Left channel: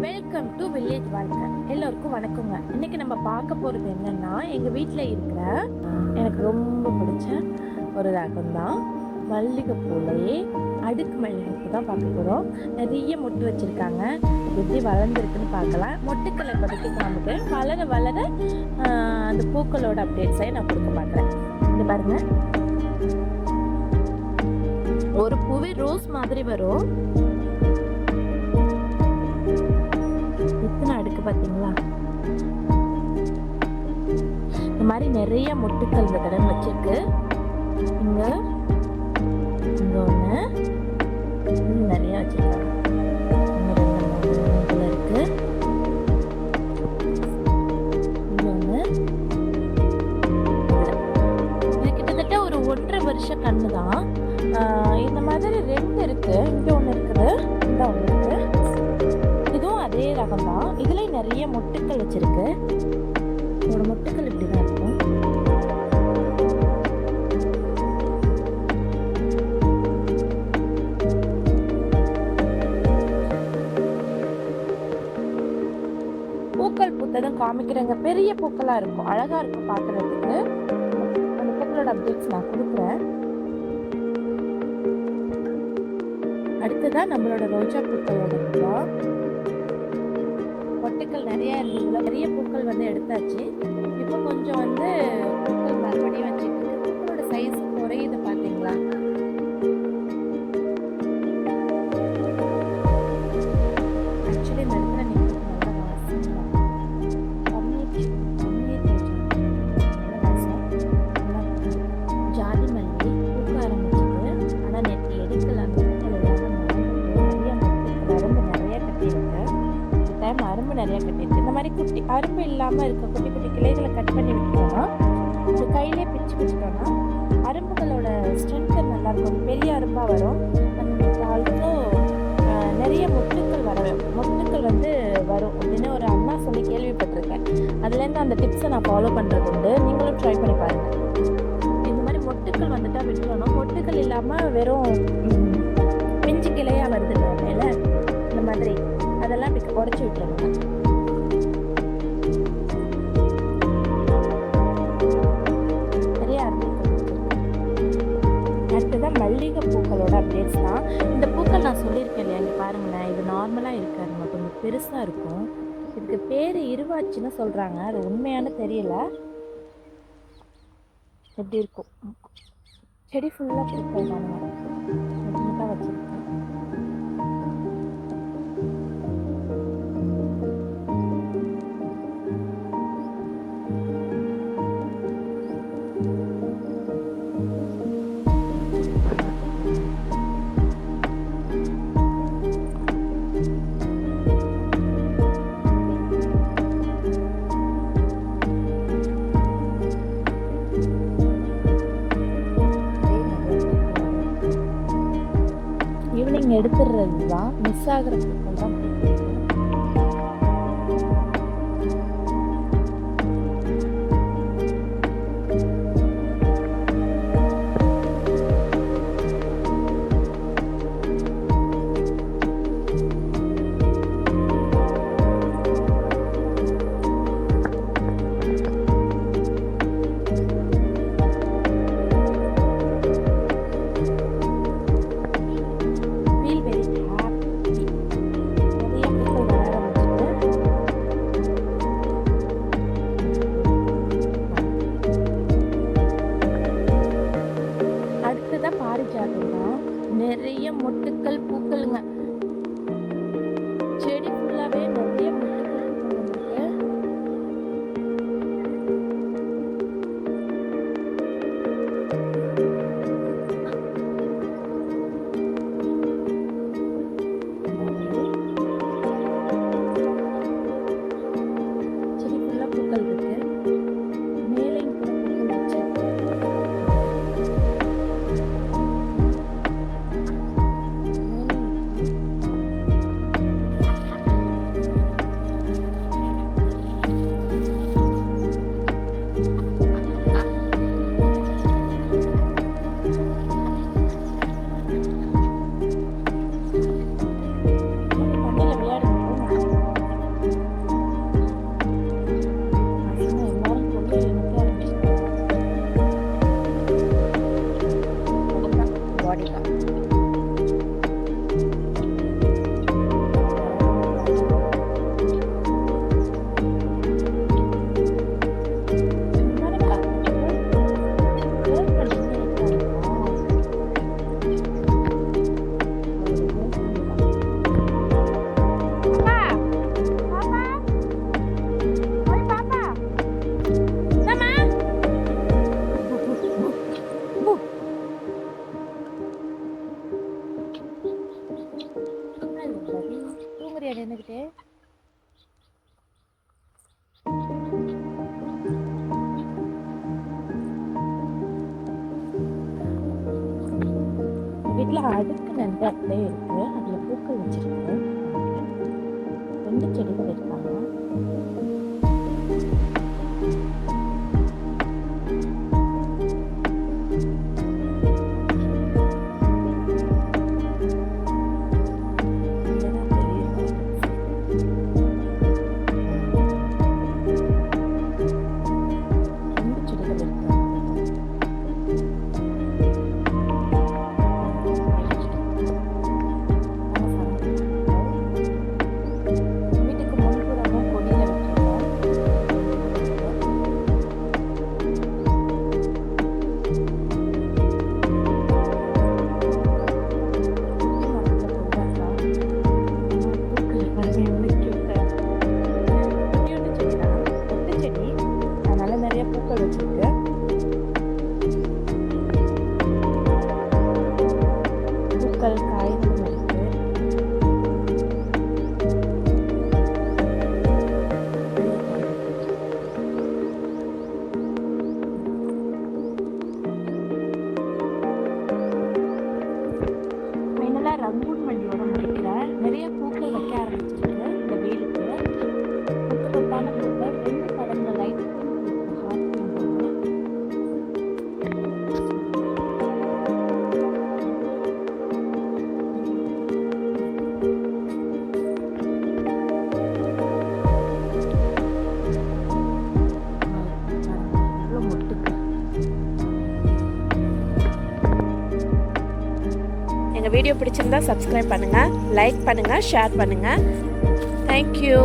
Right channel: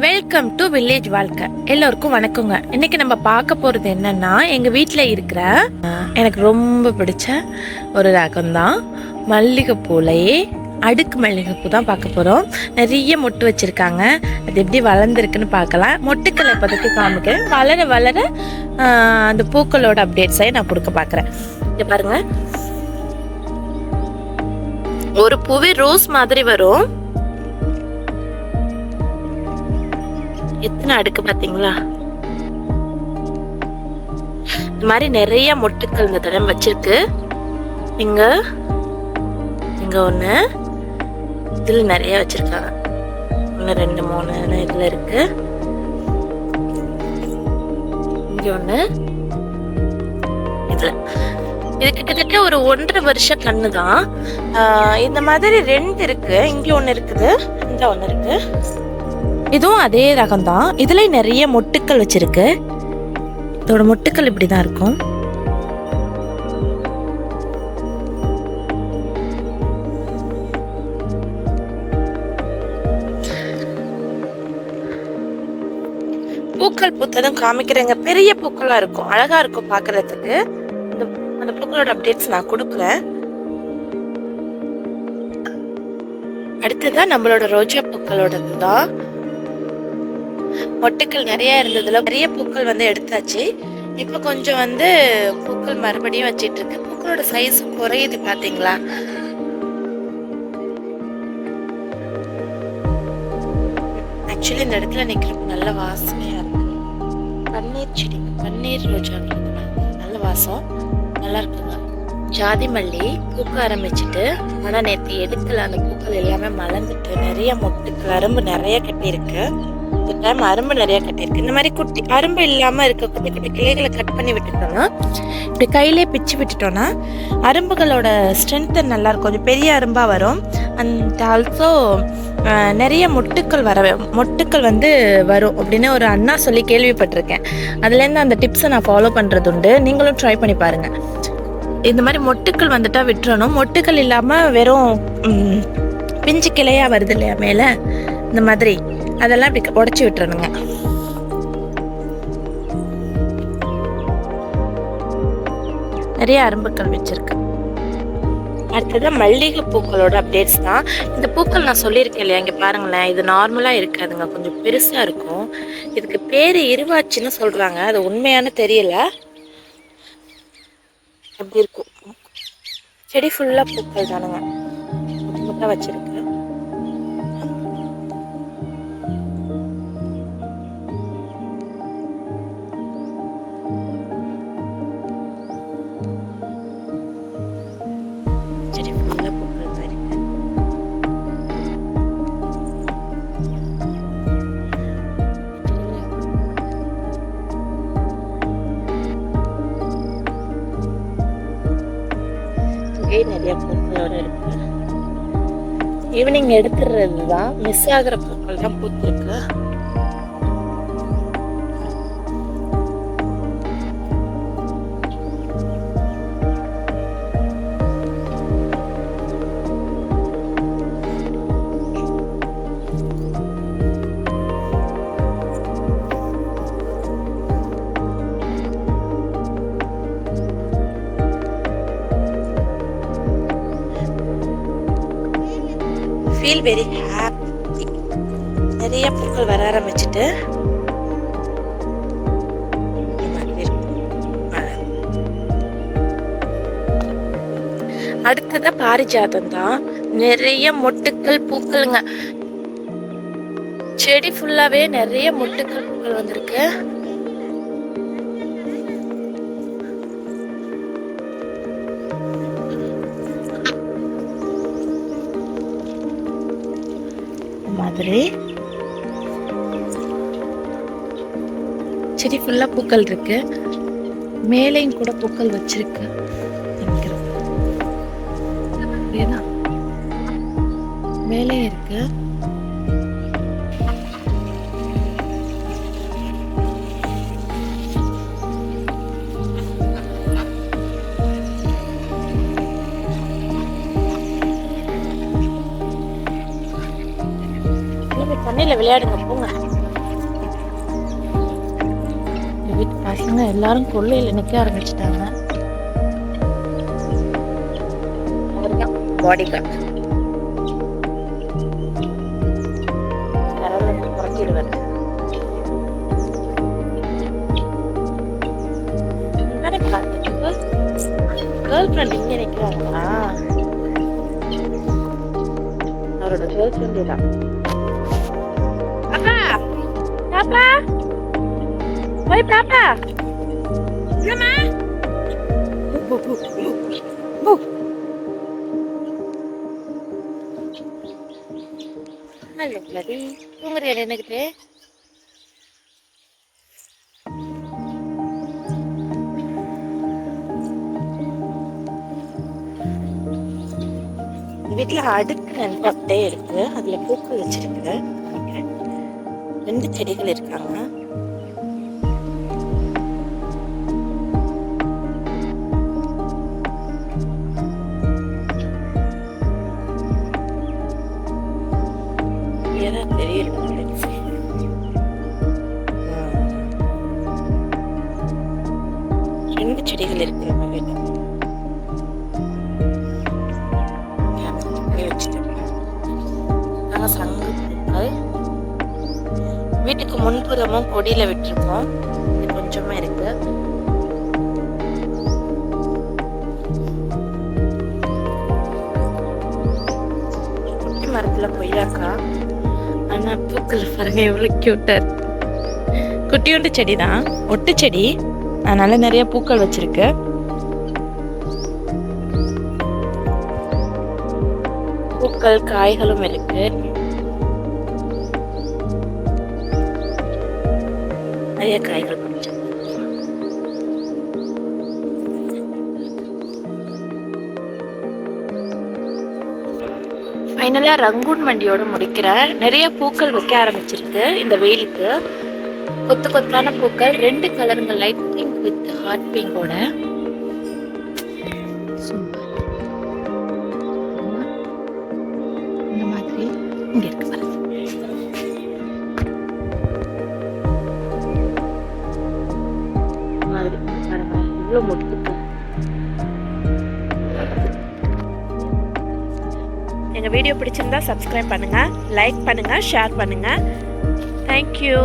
Welcome to village வாழ்க்கை. எல்லோருக்கும் வணக்கங்க. இன்னைக்கு நம்ம பார்க்க போகிறது என்னன்னா, எங்கள் வீட்டில் இருக்கிற எனக்கு ரொம்ப பிடிச்ச ஒரு ரகம் தான் மல்லிகைப்பூலையே அடுக்கு மல்லிகைப்பூ தான் பார்க்க போகிறோம். நிறைய மொட்டு வச்சுருக்காங்க. அது எப்படி வளர்ந்துருக்குன்னு பார்க்கலாம். மொட்டுக்களை இப்போதைக்கு காமிக்கிறேன். வளர வளர அந்த பூக்களோட அப்டேட்ஸை நான் கொடுக்க பார்க்குறேன். இங்கே பாருங்கள், ஒரு பூவே ரோஸ் மாதிரி வரும். எத்தனை அடுக்கு பார்த்தீங்களா? இந்த மாதிரி நிறைய மொட்டுக்கள் இந்த தடவை வச்சிருக்கு. இங்க இங்க ஒண்ணு, இதுல நிறைய வச்சிருக்காங்க. 1 2 3 இதுல இருக்கு. இங்க ஒண்ணு, இதுல இது கிட்டத்தட்ட ஒரு 1.5 வருஷ கண்ணு தான். இந்த மாதிரி 2 இருக்கு. இங்க ஒண்ணு இருக்குது, இந்த ஒண்ணு இருக்கு. இதுவும் அதே ரகம் தான். இதுல நிறைய மொட்டுக்கள் வச்சிருக்கு. இதோட மொட்டுக்கள் இப்படிதான் இருக்கும். பூக்கள் பூத்ததும் காமிக்கிறேங்க. பெரிய பூக்களா இருக்கும், அழகா இருக்கும் பாக்குறதுக்கு. அந்த பூக்களோட அப்டேட்ஸ் நான் கொடுக்குறேன். அடுத்ததான் நம்மளோட ரோஜா பூக்களோட தான். மொட்டுக்கள் நிறைய இருந்ததுல நிறைய பூக்கள் வந்து எடுத்தாச்சு. இப்போ கொஞ்சம் வந்து பூக்கள் மறுபடியும் வச்சிட்டு இருக்கு. பூக்களோட சைஸும் குறையுது, பாத்தீங்களா? ஆக்சுவலி இந்த இடத்துல நிக்கிறப்ப நல்ல வாசனையா இருக்கு. பன்னீர் செடி, பன்னீர் ரோஜா நல்ல வாசம், நல்லா இருக்குங்க. ஜாதி மல்லி பூக்க ஆரம்பிச்சுட்டு, ஆனா நேற்று எடுக்கல. அந்த பூக்கள் எல்லாமே மலர்ந்துட்டு நிறைய மொட்டுக்கள், அரும்பு நிறைய கட்டி இருக்கு. இந்த டைம் அரும்பு நிறைய கட்டியிருக்கு. இந்த மாதிரி குட்டி அரும்பு இல்லாம இருக்க குட்டி குட்டி கிளைகளை கட் பண்ணி விட்டுட்டோம்னா, இப்படி கையிலே பிச்சு விட்டுட்டோம்னா அரும்புகளோட ஸ்ட்ரென்த் நல்லா இருக்கும். கொஞ்சம் பெரிய அரும்பா வரும். அண்ட் ஆல்சோ நிறைய மொட்டுக்கள் வந்து வரும் அப்படின்னு ஒரு அண்ணா சொல்லி கேள்விப்பட்டிருக்கேன். அதுலேருந்து அந்த டிப்ஸை நான் ஃபாலோ பண்ணுறது உண்டு. நீங்களும் ட்ரை பண்ணி பாருங்க. இந்த மாதிரி மொட்டுக்கள் வந்துட்டா விட்டுறணும். மொட்டுக்கள் இல்லாமல் வெறும் பிஞ்சு கிளையா வருது இல்லையா மேலே, இந்த மாதிரி அதெல்லாம் இப்படி உடைச்சி விட்டுறணுங்க. நிறைய அரும்புக்கள் வச்சிருக்கு. அடுத்ததான் மல்லிகை பூக்களோட அப்டேட்ஸ் தான். இந்த பூக்கள் நான் சொல்லியிருக்கேன் இல்லையா, இங்கே பாருங்களேன். இது நார்மலாக இருக்காதுங்க, கொஞ்சம் பெருசாக இருக்கும். இதுக்கு பேர் இருவாச்சின்னு சொல்கிறாங்க. அது உண்மையான தெரியல. எப்படி இருக்கும் செடி ஃபுல்லாக பூக்கள் தானுங்க, முட்டை வச்சிருக்கு. நிறைய பூக்களோட இருக்கு. ஈவினிங் எடுத்துடுறது தான், மிஸ் ஆகிற பூக்கள் தான் பூத்திருக்கு. Feel very happy. நிறைய பூக்கள் வர ஆரம்பிச்சுட்டு அடுத்ததான் பாரிஜாதம் தான். நிறைய மொட்டுக்கள் பூக்கள்ங்க. செடி ஃபுல்லாவே நிறைய மொட்டுக்கள் பூக்கள் வந்திருக்கு. செடி ஃபுல்லா பூக்கள் இருக்கு. மேலையும் கூட பூக்கள் வச்சிருக்கு. மேலே இருக்கு. தண்ணியில் விளையாடுங்க, போங்க. எல்லாரும் கொள்ளையில நிக்க ஆரம்பிச்சிட்டாங்க. அவர்தான் பாடி கார்டு. புறக்கிடுவாரு. கேர்ள் ஃப்ரெண்ட் இங்க நிக்கிறாங்களா? அவரோட கேர்ள் ஃப்ரெண்ட் தான். பாப்பா பாப்பா ஓய் பாப்பா என்னம்மா? ஹலோ கரி, தூங்குறியா நின்னுக்கிட்டு? வீட்டுல அடுக்கு நன்கு அப்படியே இருக்கு. அதுல பூக்கள் வச்சிருக்கு. 2 செடிகள் இருக்காங்க. பெரிய 2 செடிகள் இருக்கு நம்ம வீட்டுல. வீட்டுக்கு முன்புறமும் கொடியில விட்டுருக்கோம். இது கொஞ்சமா இருக்கு. குட்டி மரத்துல கொய்யாக்கா. ஆனா பூக்கள் பாருங்க எவ்வளவு கியூட்டா இருக்கு. குட்டியோண்டு செடி தான், ஒட்டு செடி. அதனால நிறைய பூக்கள் வச்சிருக்கு. பூக்கள் காய்களும் இருக்கு. நிறைய காய்கள் பிடிச்சிருக்கு. ஃபைனலா ரங்கூன் வண்டியோட முடிக்கிறேன். நிறைய பூக்கள் வைக்க ஆரம்பிச்சிருக்கு இந்த வெயிலுக்கு. கொத்து கொத்தான பூக்கள், 2 கலருங்க, லைட் பிங்க் வித் ஹாட் பிங்கோட. இந்த மாதிரி இங்க இருக்கு பாருங்க. மாதிரி பாருங்க இவ்வளவு மொட்டுக்கு. எங்க வீடியோ பிடிச்சிருந்தா சப்ஸ்கிரைப் பண்ணுங்க, லைக் பண்ணுங்க, ஷேர் பண்ணுங்க. தேங்க்யூ.